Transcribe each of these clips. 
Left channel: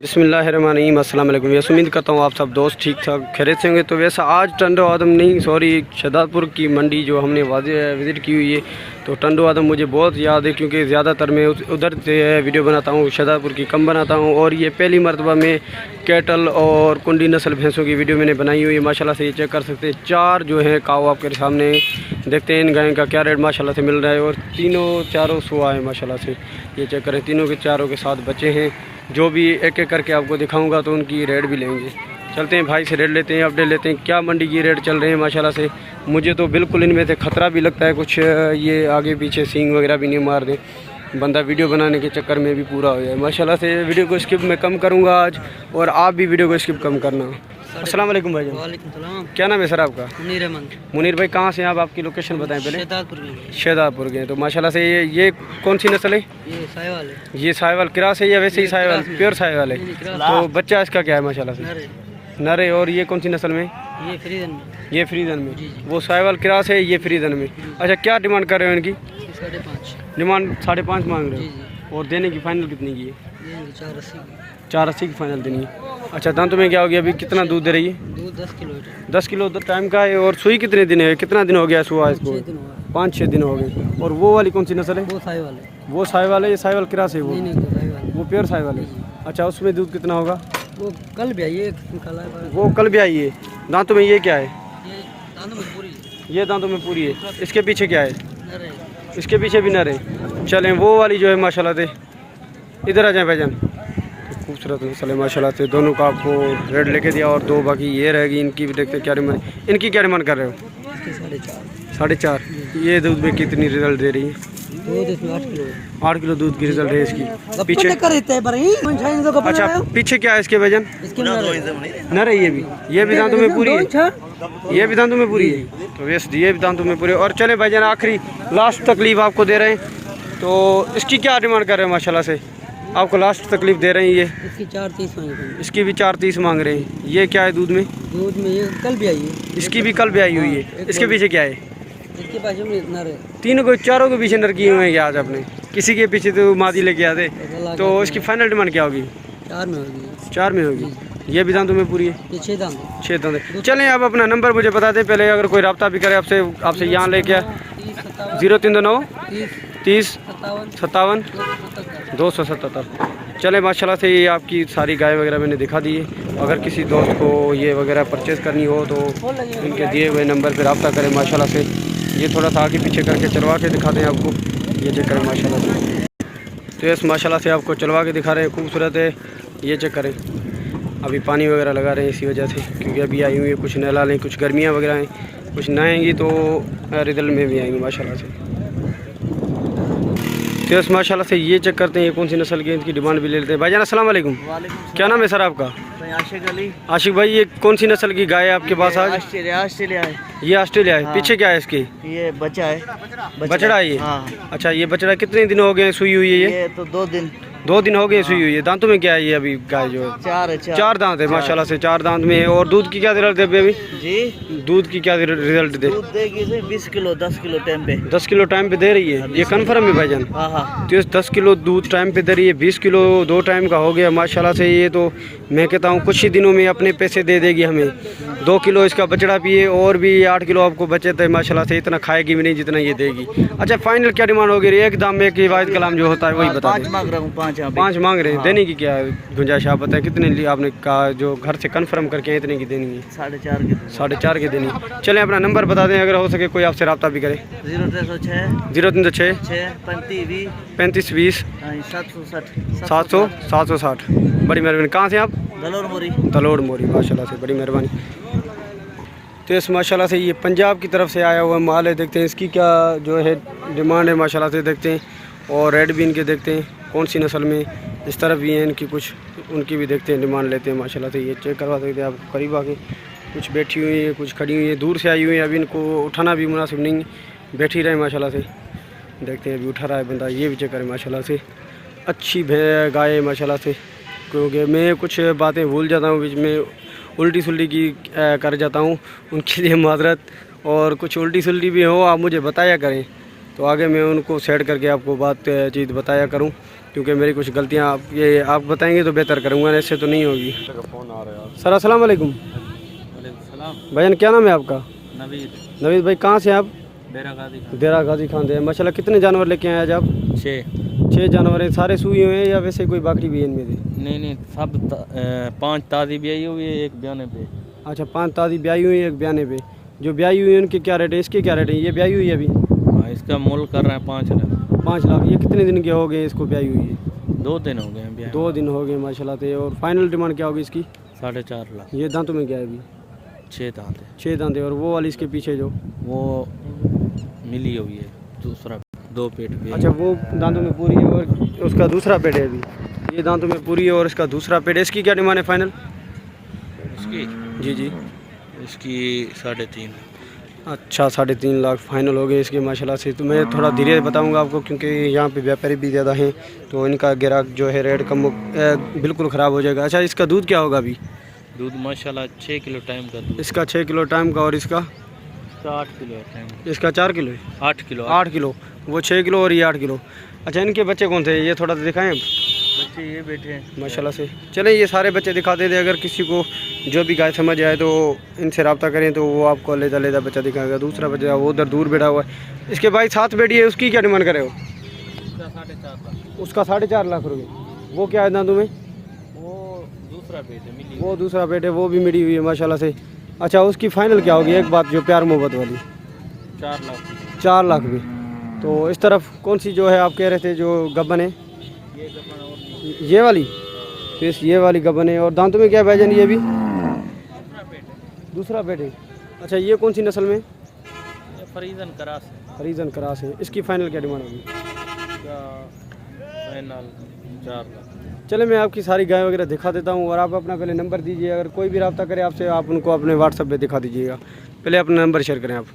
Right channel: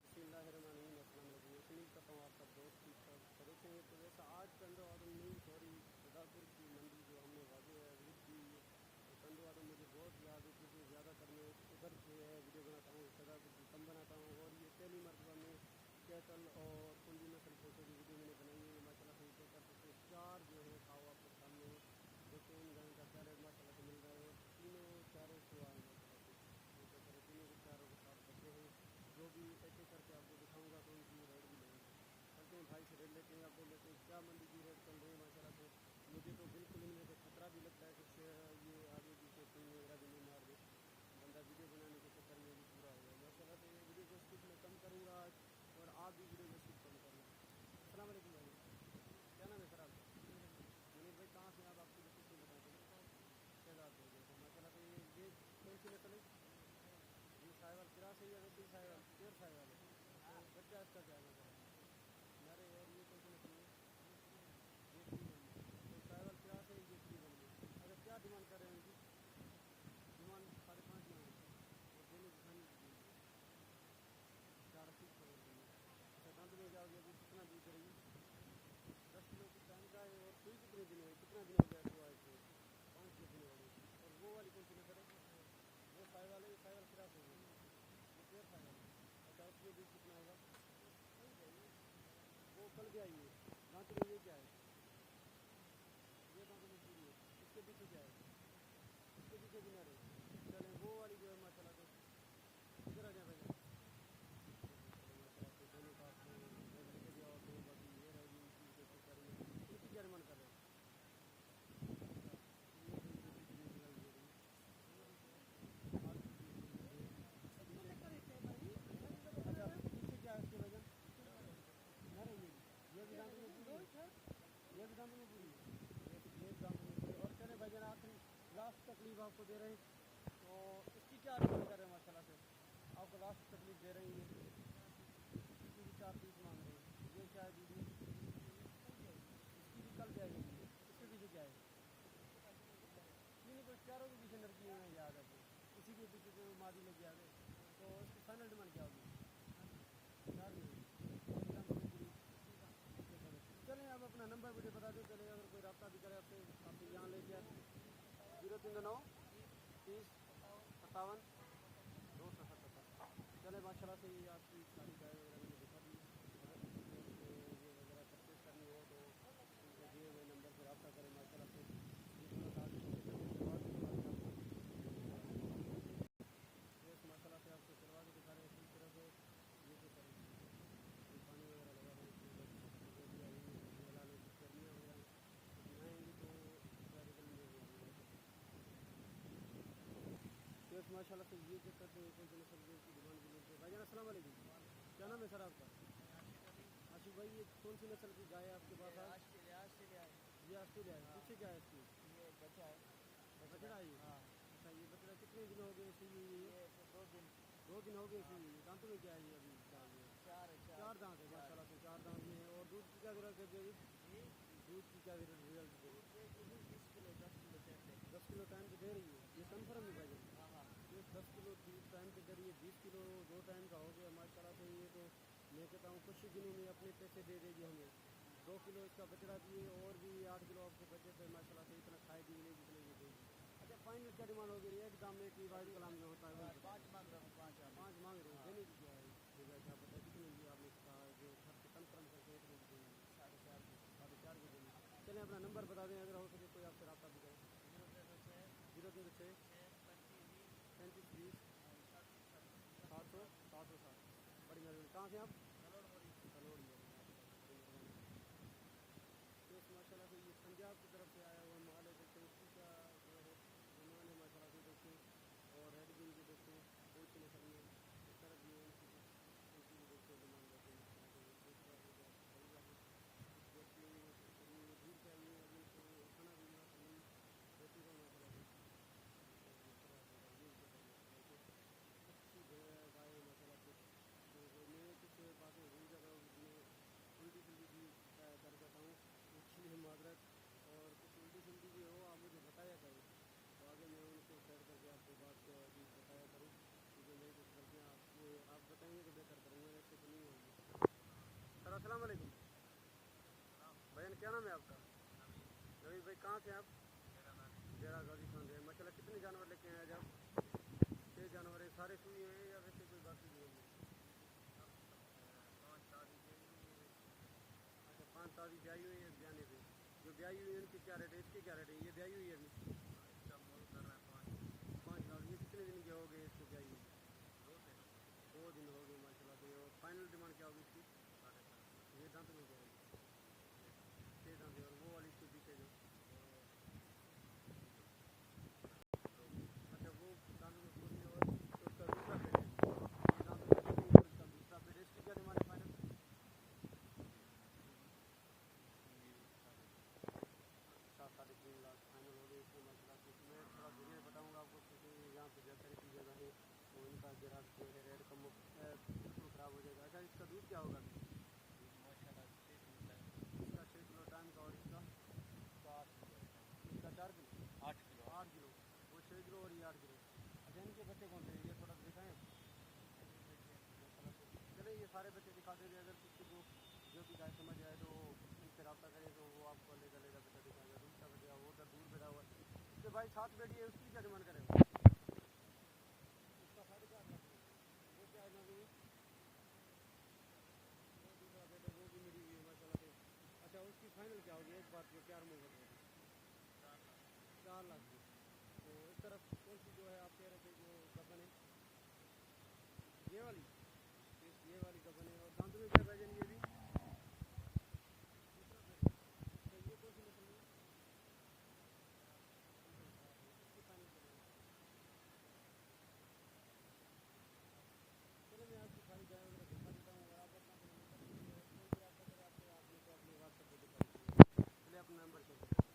बिस्मिल्लाहिर्रहमानिर्रहीम अस्सलाम वालेकुम। वैसे उम्मीद करता हूँ आप सब दोस्त ठीक ठाक खैरियत से होंगे। तो वैसे आज टंडो आदम नहीं सॉरी शहदादपुर की मंडी जो हमने विज़िट की हुई है, तो टंडो आदम मुझे बहुत याद है क्योंकि ज़्यादातर मैं उधर से वीडियो बनाता हूँ, शहदादपुर की कम बनाता हूँ। और ये पहली मरतबा में कैटल और कुंडी नस्ल भैंसों की वीडियो मैंने बनाई हुई है। माशाल्लाह से ये चेक कर सकते हैं, 4 जो हैं काऊ आपके सामने देखते हैं। इन गायों का क्या रेट माशाल्लाह से मिल रहा है और तीनों चारों सुआ है माशाल्लाह से। ये चेक करें, तीनों के चारों के साथ बच्चे हैं। जो भी एक एक करके आपको दिखाऊंगा तो उनकी रेट भी लेंगे। चलते हैं भाई से रेट लेते हैं, अपडेट लेते हैं क्या मंडी की रेट चल रहे हैं माशाल्लाह से। मुझे तो बिल्कुल इनमें से ख़तरा भी लगता है कुछ ये आगे पीछे सींग वगैरह भी नहीं मार दे, बंदा वीडियो बनाने के चक्कर में भी पूरा हो जाए। माशाल्लाह से वीडियो को स्किप मैं कम करूँगा आज, और आप भी वीडियो को स्किप कम करना। अस्सलाम वालेकुम भाई। वालेकुम सलाम। क्या नाम है सर आपका? मुनीर अहमद। मुनीर भाई कहाँ से हैं आप? आपकी लोकेशन बताएं पहले। शहदादपुर के। तो माशाल्लाह से ये कौन सी नस्ल है? ये साहिवाल है। ये साहिवाल क्रास है या वैसे ही साहिवाल प्योर साहिवाल है? तो बच्चा इसका क्या है माशाल्लाह से? नर है। और ये कौन सी नस्ल में? ये फ्रीजन में। ये फ्रीजन में। वो साहिवाल क्रास है, ये फ्रीजन में। अच्छा, क्या डिमांड कर रहे हो इनकी? 5.5 डिमांड 5.5 मांग रहे हो। और देने की फाइनल कितनी की है? 480 की फाइनल देनी है। अच्छा, दांतों में क्या हो गया? अभी कितना दूध दे रही है? दूध 10 किलो है। 10 किलो टाइम का है। और सुई कितने दिन है? कितना दिन हो गया सुआ इसको? 5-6 दिन हो गए। और वो वाली कौन सी नस्ल है? वो साहिवाल है। वो साहिवाल है? ये साहिवाल क्रास है? नहीं तो साहिवाल। वो प्योर साहिवाल है। अच्छा, उसमें दूध कितना होगा? वो कल भी आई है। वो कल भी आई है। दांतों में ये क्या है? ये दांतों में पूरी है। ये दांतों में पूरी है। इसके पीछे क्या है? नर है। इसके पीछे भी नर है। चलें, वो वाली जो है माशाल्लाह से, इधर आ जाए भाईजान। खूबसूरत नस्ल है माशाल्लाह से। दोनों का आपको रेट लेके दिया, और 2 बाकी ये रहेगी। इनकी भी देखते क्या डिमांड, इनकी क्या डिमांड कर रहे हो? 4.5। ये दूध में कितनी रिजल्ट दे रही है? 8 किलो दूध की रिजल्ट है इसकी। पीछे अच्छा, पीछे क्या है इसके वजन? नर है। ये भी दांतों में पूरी है। ये भी दांतों में पूरी है। तो वैसे ये भी दांतों में पूरी है। और चले भाईजान, आखिरी लास्ट तकलीफ आपको दे रहे हैं। तो इसकी क्या डिमांड कर रहे हैं माशाल्लाह से? आपको लास्ट तकलीफ दे रहे हैं ये? इसकी 4.30 मांग रहे हैं। इसकी भी 4.30 मांग रहे हैं। ये क्या है दूध में? दूध में ये कल भी आई है। इसकी भी कल भी आई हुई है। इसके पीछे क्या है? इसके पास में नर है। तीनों को चारों के पीछे नर किए हुए हैं क्या आज आपने? किसी के पीछे तो मादी लेके आते। तो इसकी फाइनल डिमांड क्या होगी? 4 में होगी। 4 में होगी। ये भी दांतों में पूरी है। ये 6 दांत। 6 दांत। चलें, आप अपना नंबर मुझे बता दें पहले, अगर कोई रब्ता भी करे आपसे यहाँ लेके आ। 039 30 57 277। चले माशाल्लाह से, ये आपकी सारी गाय वगैरह मैंने दिखा दी है। अगर किसी दोस्त को ये वगैरह परचेज़ करनी हो तो इनके दिए हुए नंबर पर रब्ता करें माशाल्लाह से। ये थोड़ा सा आगे पीछे करके चलवा के दिखाते हैं आपको। ये चेक करें माशाल्लाह से। तो यस माशाल्लाह से आपको चलवा के दिखा रहे हैं, खूबसूरत है। ये चेक करें, अभी पानी वगैरह लगा रहे हैं इसी वजह से, क्योंकि अभी आई हुई है। कुछ नहला लें, कुछ गर्मियाँ वगैरह हैं, कुछ नहाएंगी तो रिजल्ट में भी आएंगी माशाल्लाह से। तो यस माशाल्लाह से ये चेक करते हैं ये कौन सी नस्ल की, इनकी डिमांड भी ले लेते हैं। भाईजान अस्सलाम वालेकुम। क्या नाम है सर आपका? आशिक अली। आशिक भाई, ये कौन सी नस्ल की गाय है आपके पास आज? ऑस्ट्रेलिया है। ये ऑस्ट्रेलिया है। पीछे क्या है इसकी? ये बच्चा है। बछड़ा है ये? हाँ। अच्छा, ये बछड़ा कितने दिन हो गए सुई हुई है? ये तो 2 दिन हो गए सुई हुई है। दांतों में क्या है ये अभी गाय जो है? 4 दांत है माशाल्लाह से। 4 दांत में है। और दूध की क्या रिजल्ट दे अभी? जी, दूध की क्या रिजल्ट दे? दूध देगी 20 किलो 10 किलो टाइम पे। 10 किलो टाइम पे दे रही है। ये कन्फर्म है भाईजान? हाँ। तो 10 किलो दूध टाइम पे दे रही है। 20 किलो 2 टाइम का हो गया माशाल्लाह से। ये तो मैं कहता हूँ कुछ ही दिनों में अपने पैसे दे देगी हमें। 2 किलो इसका बछड़ा पिए और भी 8 किलो आपको बचत है माशाल्लाह से। इतना खाएगी भी नहीं जितना ये देगी। अच्छा, फाइनल क्या डिमांड होगी? एकदम में कि वाहिद कलाम जो होता है वही बता दें। 5 मांग रहा हूँ। 5 मांग रहे हैं। देने की क्या गुंजाइश आप बताएं? कितने लिए आपने कहा जो घर से कंफर्म करके इतने की देनी है? 4.5 की देनी। चलें, अपना नंबर बता दें, अगर हो सके कोई आपसे रब्ता भी करे। 0306 35 20 760। बड़ी मेहरबानी। कहाँ से आप? दलोड़ मोरी। माशाल्लाह से बड़ी मेहरबानी। तो इस माशाल्लाह से ये पंजाब की तरफ से आया हुआ माल है। देखते हैं इसकी क्या जो है डिमांड है माशाल्लाह से, देखते हैं। और रेड भी इनके देखते हैं कौन सी नस्ल में। इस तरफ भी हैं इनकी कुछ, उनकी भी देखते हैं, डिमांड लेते हैं माशाल्लाह से। ये चेक करवा सकते हैं आप करीब आके। कुछ बैठी हुई है, कुछ खड़ी हुई है, दूर से आई हुई है। अभी इनको उठाना भी मुनासिब नहीं, बैठी रहे माशाल्लाह से। देखते हैं, अभी उठा रहा है बंदा। ये भी चेक करें माशाल्लाह से, अच्छी गाय है माशाल्लाह से। क्योंकि मैं कुछ बातें भूल जाता हूँ बीच में, उल्टी सुल्टी की कर जाता हूँ, उनके लिए माजरत। और कुछ उल्टी सुल्टी भी हो आप मुझे बताया करें, तो आगे मैं उनको सेट करके आपको बात चीज़ बताया करूँ। क्योंकि मेरी कुछ गलतियाँ आप बताएंगे तो बेहतर करूँगा, ऐसे तो नहीं होगी। फ़ोन आ रहा है सर अस्सलाम वालेकुम। भाईजान क्या नाम है आपका? नवीद। नवीद भाई, कहाँ से आप? डेरा गाजी खान से। माशाल्लाह, कितने जानवर लेके आए आज आप? 6 जानवर हैं। सारे सूए हुए हैं या वैसे कोई बकरी भी है इनमें से? नहीं सब 5 ताज़ी भी आई हुई है, एक बयाने पे। अच्छा, 5 ताज़ी ब्याई हुई है, एक बयाने पे। जो ब्याई हुई है उनके क्या रेट है? इसके क्या रेट है? ये ब्याई हुई है अभी? हाँ, इसका मोल कर रहे हैं 5 लाख। 5 लाख। ये कितने दिन के हो गए इसको ब्याई हुई है? 2 दिन हो गए हैं ब्याह। 2 दिन हो गए माशाल्लाह से। और फाइनल डिमांड क्या होगी इसकी? 4.5 लाख। ये दांतों में क्या है अभी? 6 दांत है। 6 दांत है। और वो वाली इसके पीछे जो वो मिली हुई है, दूसरा 2 पेट भी। अच्छा, वो दांतों में पूरी है और उसका दूसरा पेट है अभी? ये दांतों में पूरी है और इसका दूसरा पेट है। इसकी क्या डिमांड है फाइनल? इसकी जी इसकी 3.5। अच्छा, 3.5 लाख फाइनल हो गए इसके माशाल्लाह से। तो मैं थोड़ा धीरे बताऊंगा आपको, क्योंकि यहाँ पे व्यापारी भी ज़्यादा हैं, तो इनका ग्राहक जो है रेट कम बिल्कुल ख़राब हो जाएगा। अच्छा, इसका दूध क्या होगा अभी? दूध माशाल्लाह 6 किलो टाइम का दूध। इसका 6 किलो टाइम का। और इसका? 8 किलो है टाइम। इसका 4 किलो है। 8 किलो। 8 किलो। वो 6 किलो और ये 8 किलो। अच्छा, इनके बच्चे कौन थे? ये थोड़ा दिखाएं अब। बच्चे ये बैठे हैं माशाल्लाह से। चलें, ये सारे बच्चे दिखा देते। अगर किसी को जो भी गाय समझ आए तो इनसे रब्ता करें, तो वो आपको लेदा बच्चा दिखाएगा। दूसरा बच्चा वो उधर दूर बैठा हुआ है। इसके भाई साथ बैठी है, उसकी क्या डिमांड करे हो? उसका 4.5 लाख रुपये। वो क्या है दांतों में? वो दूसरा पेट है, मिली। वो दूसरा पेट है, वो भी मिली हुई है माशाल्लाह से। अच्छा, उसकी फाइनल क्या होगी? एक बात जो प्यार मोहब्बत वाली। 4 लाख। 4 लाख भी। तो इस तरफ कौन सी जो है आप कह रहे थे जो गब्बन है? ये गब्बन और ये वाली? तो इस ये वाली गब्बन है। और दांतों में क्या भाईजान ये भी? दूसरा पेट है। अच्छा, ये कौन सी नस्ल में? ये फरीजन करास है। हरीजन क्रास है। इसकी फाइनल क्या डिमांड होगी? इसका फाइनल 4 लाख। चले, मैं आपकी सारी गाय वगैरह दिखा देता हूँ और आप अपना पहले नंबर दीजिए। अगर कोई भी रब्ता करे आपसे, आप उनको अपने व्हाट्सएप पे दिखा दीजिएगा। पहले अपना नंबर शेयर करें आप।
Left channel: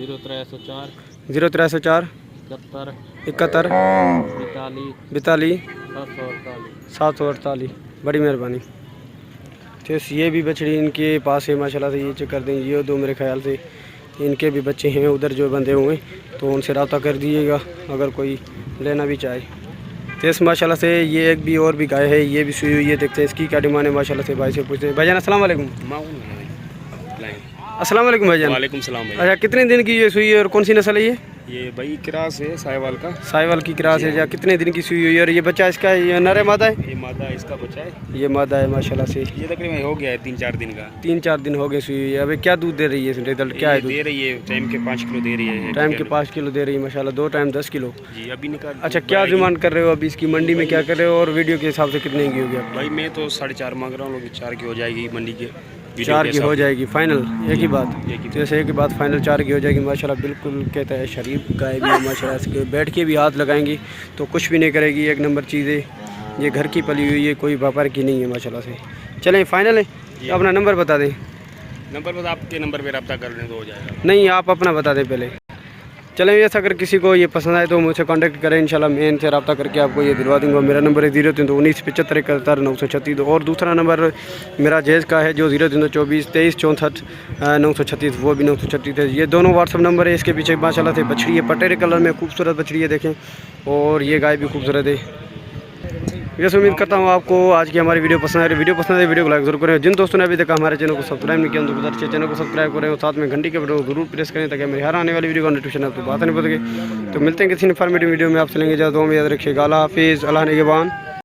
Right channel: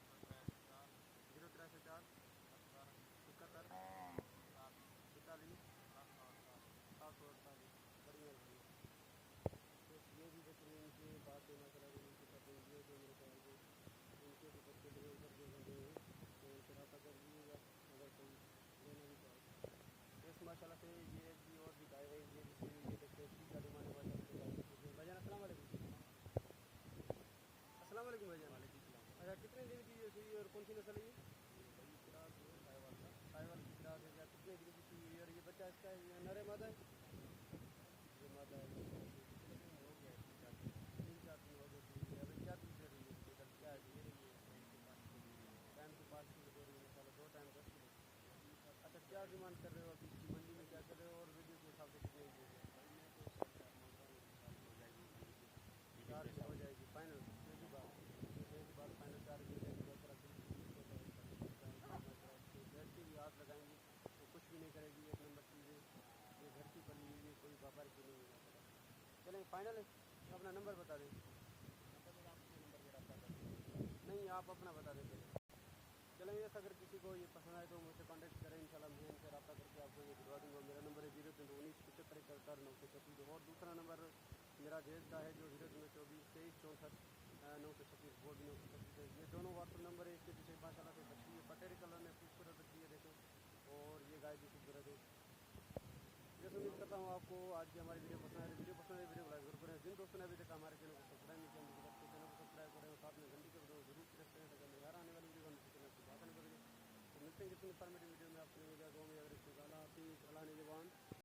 0304 0304 71 42 748। बड़ी मेहरबानी। तो ये भी बछड़ी इनके पास है माशाल्लाह से। ये चेक कर दें, ये 2 मेरे ख्याल से इनके भी बच्चे हैं उधर जो बंधे हुए, तो उनसे रब्ता कर दीजिएगा अगर कोई लेना भी चाहे। तो इस माशाल्लाह से ये एक भी और भी गाय है, ये भी सुई हुई है। देखते हैं इसकी क्या डिमांड है माशाल्लाह से। भाई से पूछते हैं। भाईजान अस्सलाम वालेकुम। अस्सलाम वालेकुम भाईजान। वालेकुम सलाम भाई। अच्छा, कितने दिन की ये सुई है और कौन सी नस्ल है ये भाई क्रास है साहिवाल का। साहिवाल की क्रास है। या कितने दिन की सुई हुई है? और ये बच्चा इसका ये नर है मादा है? ये मादा है, इसका बच्चा है। ये मादा है माशाल्लाह से। ये तकरीबन हो गया है 3-4 दिन का। 3-4 दिन हो गए सुई हुई है। अभी क्या दूध दे रही है? रिजल्ट क्या है? दूध दे रही है टाइम के 5 किलो दे रही है। टाइम के 5 किलो दे रही है माशाल्लाह। 2 टाइम 10 किलो जी अभी निकाल। अच्छा, क्या डिमांड कर रहे हो अभी इसकी? मंडी में क्या कर रहे हो और वीडियो के हिसाब से कितने की होगी आपकी? भाई मैं तो 4.5 मांग रहा हूँ, लोग 4 की हो जाएगी मंडी के। 4 की हो जाएगी फाइनल? एक ही बात? एक ही जैसे एक ही बात फाइनल 4 की हो जाएगी माशाल्लाह। बिल्कुल कहता है शरीफ गाय भी है माशाल्लाह से। बैठ के भी हाथ लगाएंगी तो कुछ भी नहीं करेगी। एक नंबर चीज़ है ये, घर की पली हुई है, कोई व्यापार की नहीं है माशाल्लाह से। चलें फाइनल है। अपना नंबर बता दें। नंबर बस आपके नंबर पे रब्ता कर लें तो हो जाएगा। नहीं, आप अपना बता दें पहले। चलें, ऐसा अगर किसी को ये पसंद आए तो मुझसे कांटेक्ट करें, इंशाल्लाह मैं इनसे रब्ता करके आपको ये दिलवा दूँगा। मेरा नंबर है 0319 75 71 936। और दूसरा नंबर मेरा जैज़ का है जो 0324 23 64 936, वो भी 936 है। ये दोनों व्हाट्सअप नंबर है। इसके पीछे माशाल्लाह से बछड़ी है, पटेरे कलर में खूबसूरत बछड़ी है देखें। और ये गाय भी खूबसूरत है। वैसे उम्मीद करता हूँ आपको आज की हमारी वीडियो पसंद है। वीडियो पसंद है वीडियो को लाइक जरूर करें। जिन दोस्तों ने अभी तक हमारे चैनल को सब्सक्राइब नहीं किया तो अच्छे चैनल को सब्सक्राइब करें और साथ में घंटी के बटन को जरूर प्रेस करें ताकि मेरी हर आने वाली वीडियो का नोटिफिकेशन आपको बात नहीं पड़ेगी। तो मिलते हैं किसी इन्फॉर्मेटिव वीडियो में। आप चलेंगे ज़्यादा में याद रखिएगा। अल्लाह हाफिज़। अल्लाह निगहबान।